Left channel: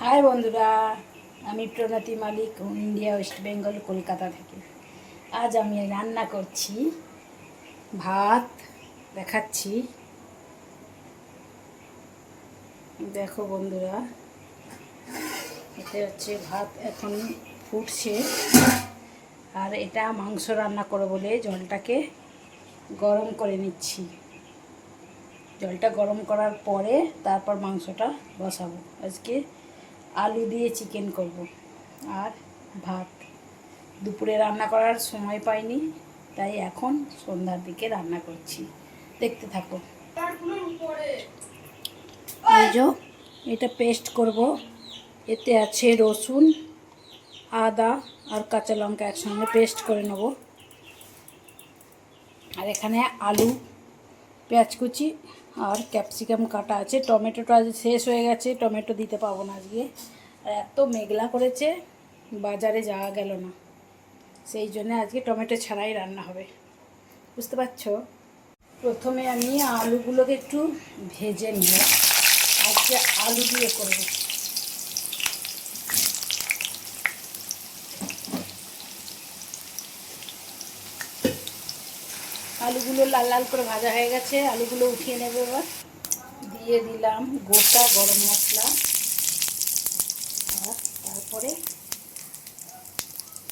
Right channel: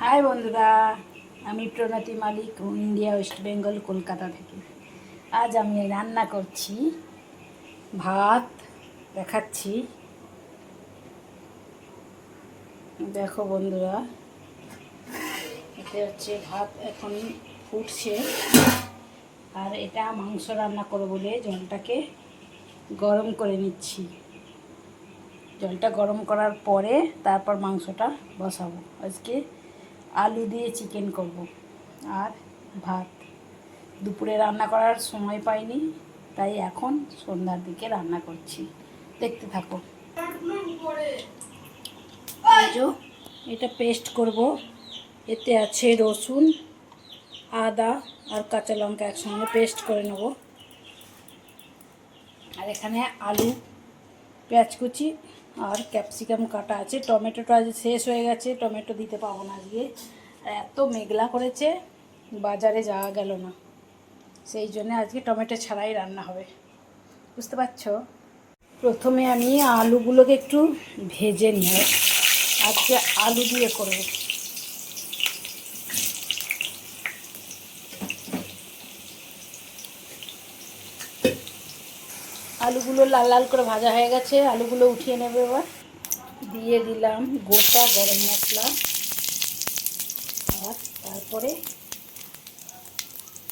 High বন্ধুরা, আমি প্রণতি মালিক, India West Bengal, Kolkata থেকে। আজ আমি রান্না করছি ভাত, দেখাচ্ছি। দেখো বন্ধুরা, এতে হচ্ছে ভাত এখন ফুটছে, আর এটা মাংস রান্না করবো বলে জলটাকে গরম করে নিচ্ছি। জলটা গরম করার পরে তারপর মাংসটা বসাবো। আজকে আলু দিয়ে চিকেন করব আর ভাত। দুপুরে রান্না করার সময় পাইনি, তাই এখন সন্ধ্যার দিকে রান্না করছি। দেখতে থাকো। এটা পেস্ট করব। এতে আছে রসুন, আদা আর কাঁচা লঙ্কা একসঙ্গে পেস্ট করে নেব। আর এখানে আলু, পেঁয়াজ কুচি আর ক্যাপসিকাম কাটা আছে। টমেটোটা আজ শেষ হয়ে গেছে, টমেটো দিতে পাবো না আজকে। আর এত মেঘলা করেছে, বাজারে যাওয়া গেল না, সেই জন্য আজকে টমেটো ছাড়াই রান্না হবে। বুঝতে পারছো? প্রথমে আমি আলুগুলোকে একটু ভেজে নিব। আজকে আলু দিয়ে করব। আলুগুলো লাল লাল করে ভাজা হয়ে গেছে, আলুগুলো উঠিয়ে নেবে। এবার দিয়ে দিলাম গোটা গরম মশলা, আর তারপরে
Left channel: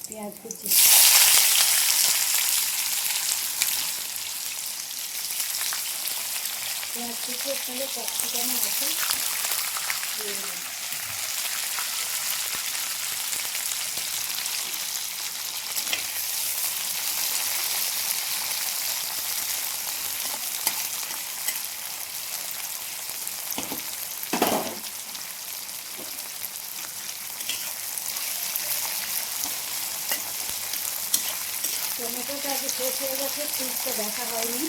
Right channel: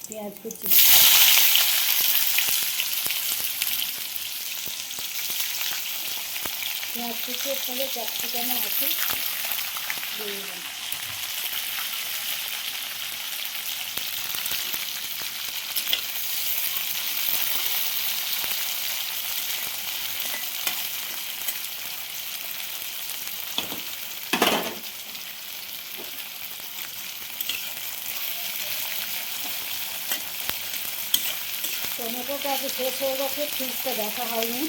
পেঁয়াজ কুচি। পেঁয়াজ কুচির সঙ্গে ক্যাপসিকাম আছে দিয়ে দিলাম। টমেটোটা আগে শেষ হয়ে গেছে, ফ্রিজটা দেখা হয়নি।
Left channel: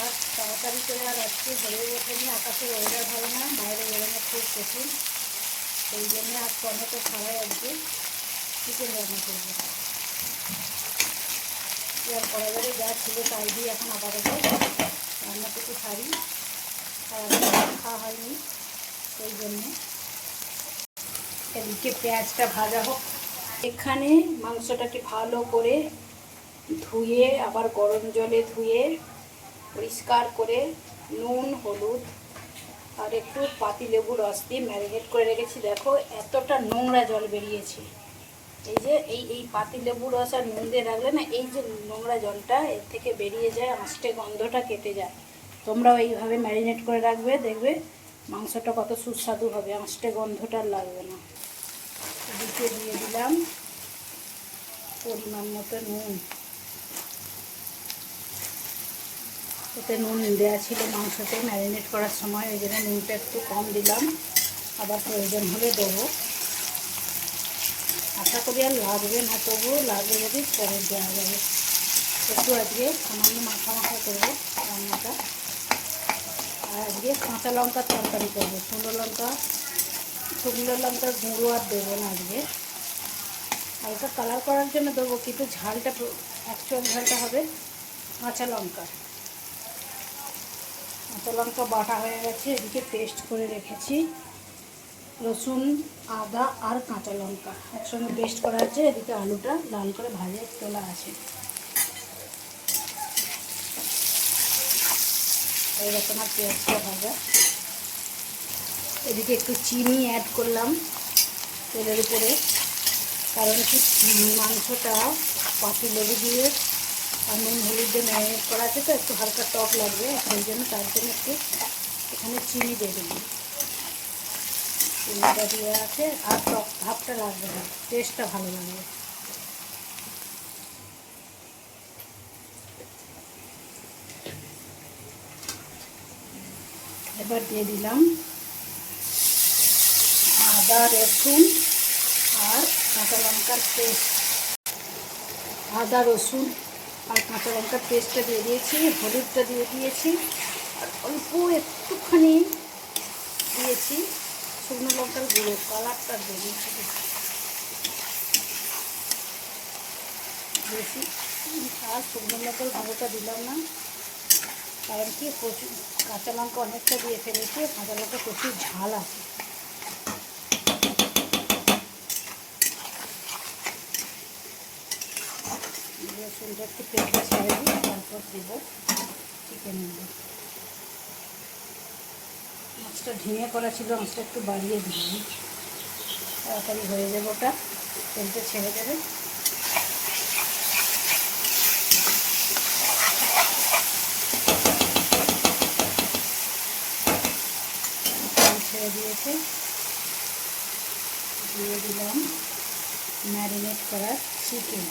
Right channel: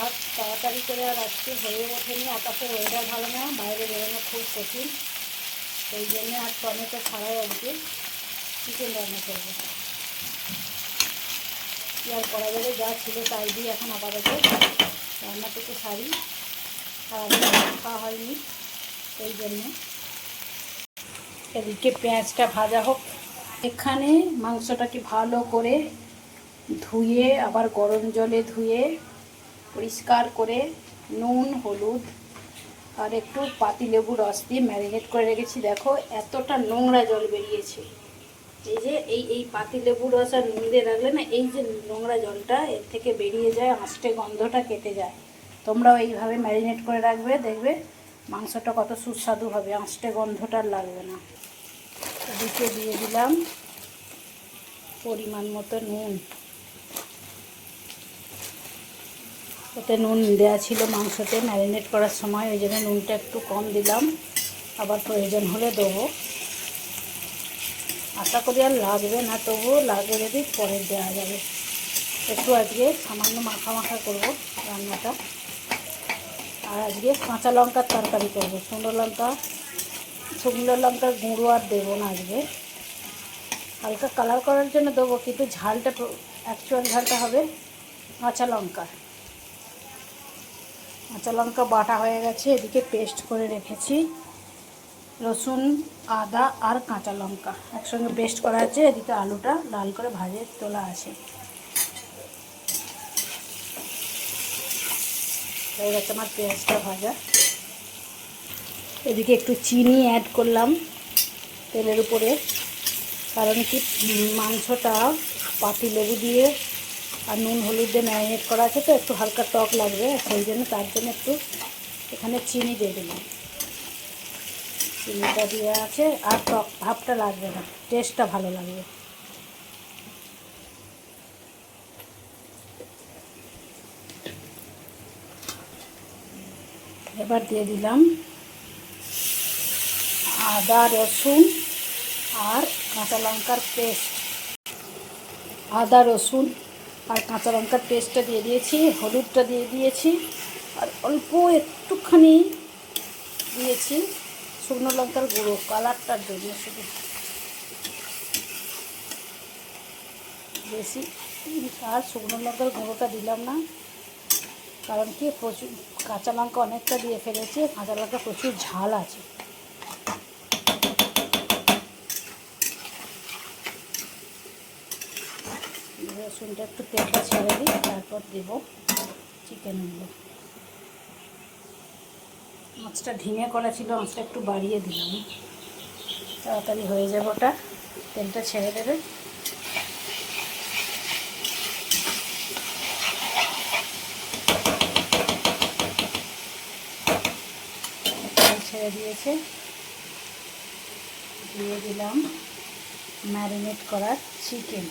আর তাড়াতাড়ি করে আর আজকে হয়ে ওঠেনি, আকাশের ওয়েদার ভালো না, বাইরে বেরোনো খুব কঠিন। সেই জন্য আর টমেটো ছাড়াই আজকে চিকেন রান্না করবো। আর কড়া জলে যা ছিল তাই দিয়ে এখন আপাতত রান্নাটুকু সারি। আর খাওয়া হয়নি, সেই জন্য। এদিকে পেঁয়াজটা ভাজা হোক। এখানে মাংসটাকে ভালো করে ধুয়ে, আবার গরম জলে ধুয়ে পরিষ্কার করে নুন, হলুদ আর একটু পাতিলেবুর রস দিয়ে ম্যারিনেট করে রেখেছি। দেখো এতটা নোংরা জল বেরিয়েছে। এই যে এই পাতিলেবুর রস আর নুন দিয়ে রাখলে না, এই যে নোংরা জলটা এর থেকে বেরিয়ে যায়, আঁশটে গন্ধটা কেটে যায়। তোমরাও এইভাবে ম্যারিনেট করে রাখবে, দেখবে মাংসটা কত সুস্বাদু হবে, আঁশটে গন্ধটা লাগবে না। এদিকে দিয়ে দিলাম পরিমাণ মতো নুন। এতে নুন দেওয়া ছিল মাংসতে ম্যারিনেট করার সময়, ওই জন্য নুনটা একটু কম দিলাম। আবার প্রয়োজন হলে দেবো। আশা করি আর লাগবে না, তবুও লাগবে যদি পরে দেওয়া যাবে। একটু আজকে সামান্য মাখা মাখা করবো রান্নাটা। আর আজকে কাঁচা লঙ্কার তরকারি করবো। শুকনো লঙ্কার গুঁড়ো আর দেবো না আজকে। হালকা কালার করার জন্য দেবো, কিন্তু ঝালটা, অ্যাকচুয়াল ঝালটা হবে কাঁচা লঙ্কার। কাঁচা লঙ্কা বাটা হয়ে গেছে। এদিকে পেস্ট করে রেখেছি রসুন, আদা আর কাঁচা লঙ্কা একসঙ্গে পেস্ট করা আছে। এদিকে আলুটা লাল করে ভাজে তোলা আছে। হয়ে গেছে আমার পেঁয়াজটা ভাজা। এদিকে একটু চিনি অ্যাড করলাম তেলের উপরে, কারণ কি মাংসটা পাতিলেবু দিয়ে আর নুন হলুদ দিয়ে ম্যারিনেট করা আছে, তো একটু হালকা টক লাগবে, সেই জন্য তার জন্য একটু এখানে চিনি দিয়ে দিলাম। চিনিটা দেওয়া আছে, আর টক ভাবটা লাগবে না, টেস্টটা ভালো লাগবে। এবার দিয়ে দিলাম আদা, রসুন আর কাঁচা লঙ্কার পেস্ট। আদা, রসুন আর কাঁচা লঙ্কার পেস্টটা দিয়ে দিয়েছি, হলুদটা দিয়ে দিয়েছি, আর অল্প একটুখানি দিয়েছি শুকনো লঙ্কার গুঁড়ো, কালারটার জন্য। বেশি আর শুকনো লঙ্কার গুঁড়োটা দিলাম না, কারণ কি প্রচুর কাঁচা লঙ্কা অনেকটা দিয়ে ফেলেছি, কাঁচা লঙ্কা প্রচুর ঝাল আছে, রসুনটা একটু তেলটা ছেড়ে দিই, তারপর দেবো চিকেনগুলো। মাছটা ধিমে করা ছিল, মাছটা একটু বাড়িয়ে দিলাম, তাড়াতাড়ি হয়ে যাবে ওটা। তেলটা ছেড়ে দেবে। তেল ছেড়ে দিয়েছে, দিয়ে দিলাম ম্যারিনেট করা চিকেন।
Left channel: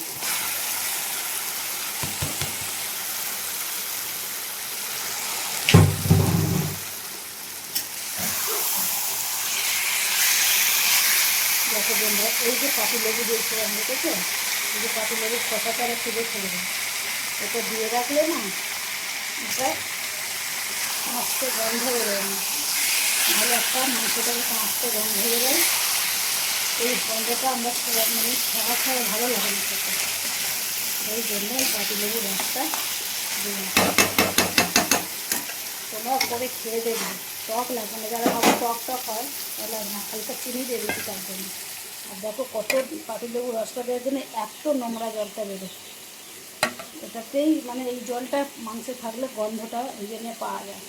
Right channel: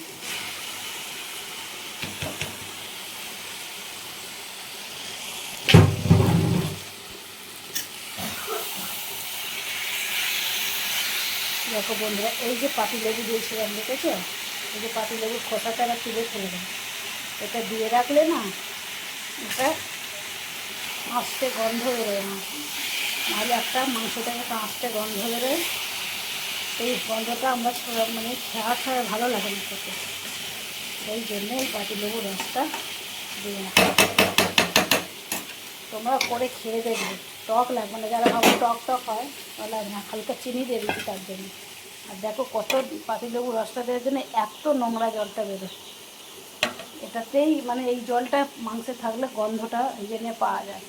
দেখো বন্ধুরা, এই যে পাতিলেবু দিয়েছিলাম, দেখেছো? এই যে পাতিলেবুর খোসাটা তুলে ফেলে দেয়, এটা দিয়ে রাখলে না এটা আস্তে গন্ধ বেরোয় না, নাহলে একটা মাংসটাকে আস্তে গন্ধ বেরোয়। এই গন্ধটা আমরা মানে খাওয়া ভালো লাগে না খেতে, সেই জন্য এই পাতিলেবুর রসটা দিয়ে তোমরা করে খেয়ে দেখবে, টক লাগবে না। যারা ভাবো টক টক হয় তাহলে না, হালকা চিনি দিয়ে দিচ্ছি তার জন্য। আর দেখো কত পাতিলেবুর রসটা দেওয়ার জন্য এত নোংরা জলটা বেরোয়, এটাতেই মানে এই জলটা মাংসে থাকলে গন্ধটা এই জন্য পাওয়া যায়।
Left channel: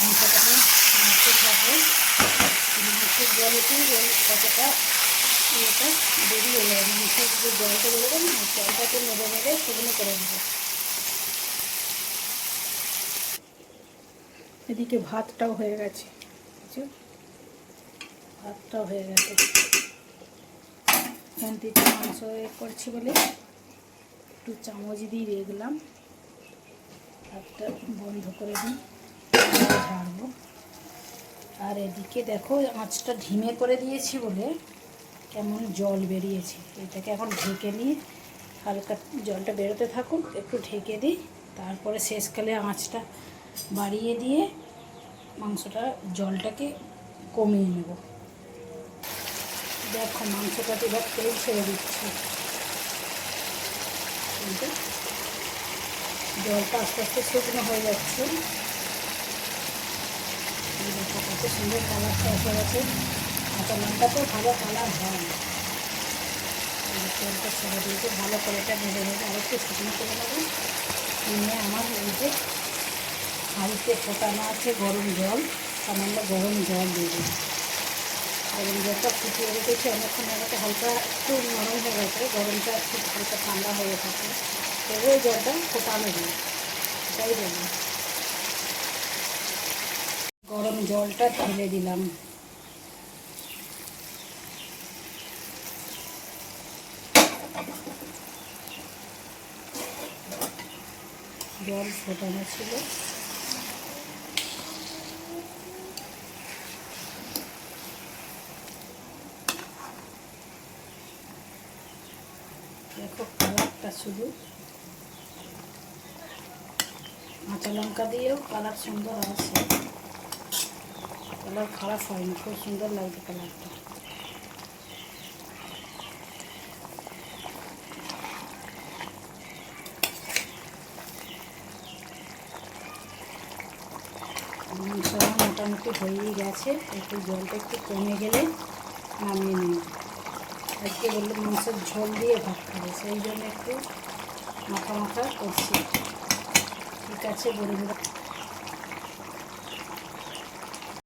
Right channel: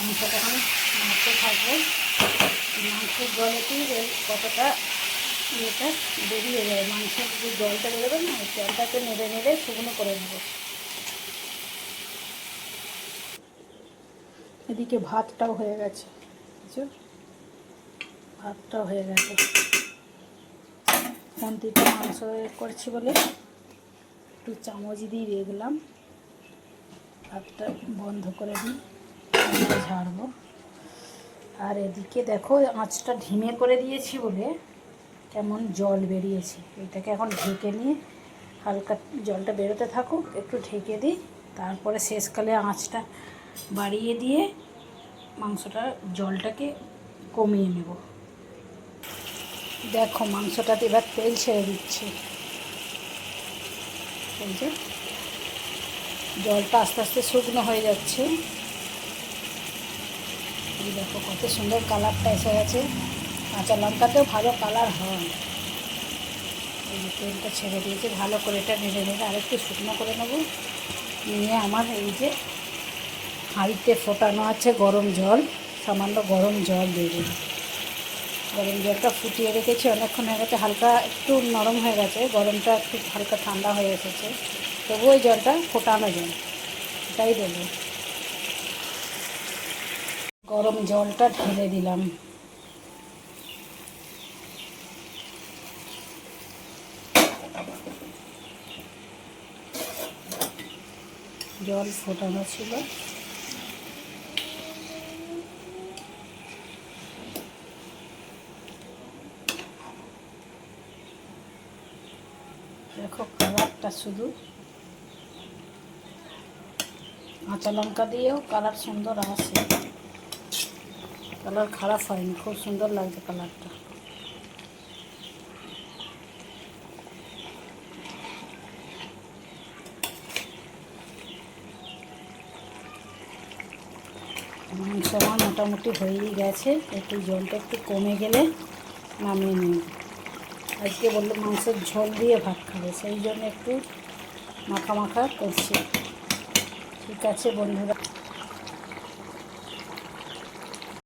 মাংসটা মাংসে থাকবে, মাংসের জলেতেই কতটা ইয়েটা বেরিয়ে যায়, মাংসের যে জলটা বেরোবে না, জলটাকে নেড়ে নেড়ে শুকনো করে নেবে। এদিকে ভাতটাও হয়ে গেছে, বুঝছো? ভাতটাও হয়ে গেছে। খুন্তিতে মাংস করছি বলে একটু চামচ দিয়ে দিলাম, ভাতটা বন্ধ করে দিই, ঝাড়বো। আর এদিকে দেখো আঁচটা ধিমে করে দিয়েছি বলে কেমন জল বেরিয়েছে, এটাকে এখন ঢেকে নিয়ে হালকা জলটা বেরোতে থাকুক, একটু ঢেকে দিই, তারপরে শেষকালে আঁচটা বাড়িয়ে দিয়ে মাংসটা জলটাকে কমিয়ে নেব। দেখো মাংসটাতে এবার তেল ছেড়ে দিচ্ছি, কিন্তু জলটা আস্তে আস্তে শুকনো হয়ে যাচ্ছে। দেখো কত সুন্দর কালারটা এসে গেছে, কাঁচা লঙ্কাতেও ভালো কালার হয়। তেলটা ছেড়ে দিয়েছি, ভালো করে এটা ভেজে নেবো, আরেকটু শুকনো করে নেবো। নিয়ে আমার এই যে হাঁড়িতে ফোটানো আছে গরম জল, সামান্য গরম জল দিয়ে দিই। গরম জলটা ফুটিয়ে রেখেছি অনেকক্ষণ আগে, হালকা একটু নরম হয়ে গেছে, গরমটা একটু হালকা ঠান্ডা হয়ে গেছে, তবু ওই জলটা ফোটানো যায়, এটাই দেবো। গরম জলটা ঢেলে দিলাম, জল ফোটানো ছিল। দেখো কালারটা, শুধু কাঁচা লঙ্কা দিয়েও কালার সুন্দর আসে, কালার খারাপ হয়নি, খুব সুন্দর লাগছে কালারটা। মাংস আমার মোটামুটি হয়েই গেছে, একটু জলটা একটু কমে গেলে নামিয়ে নিই। আজকে বললো মাংসের ঝোল দিয়ে ভাত খাবে, সেই জন্য একটু মাখা মাখা করছি। ঠিক আছে বন্ধুরা।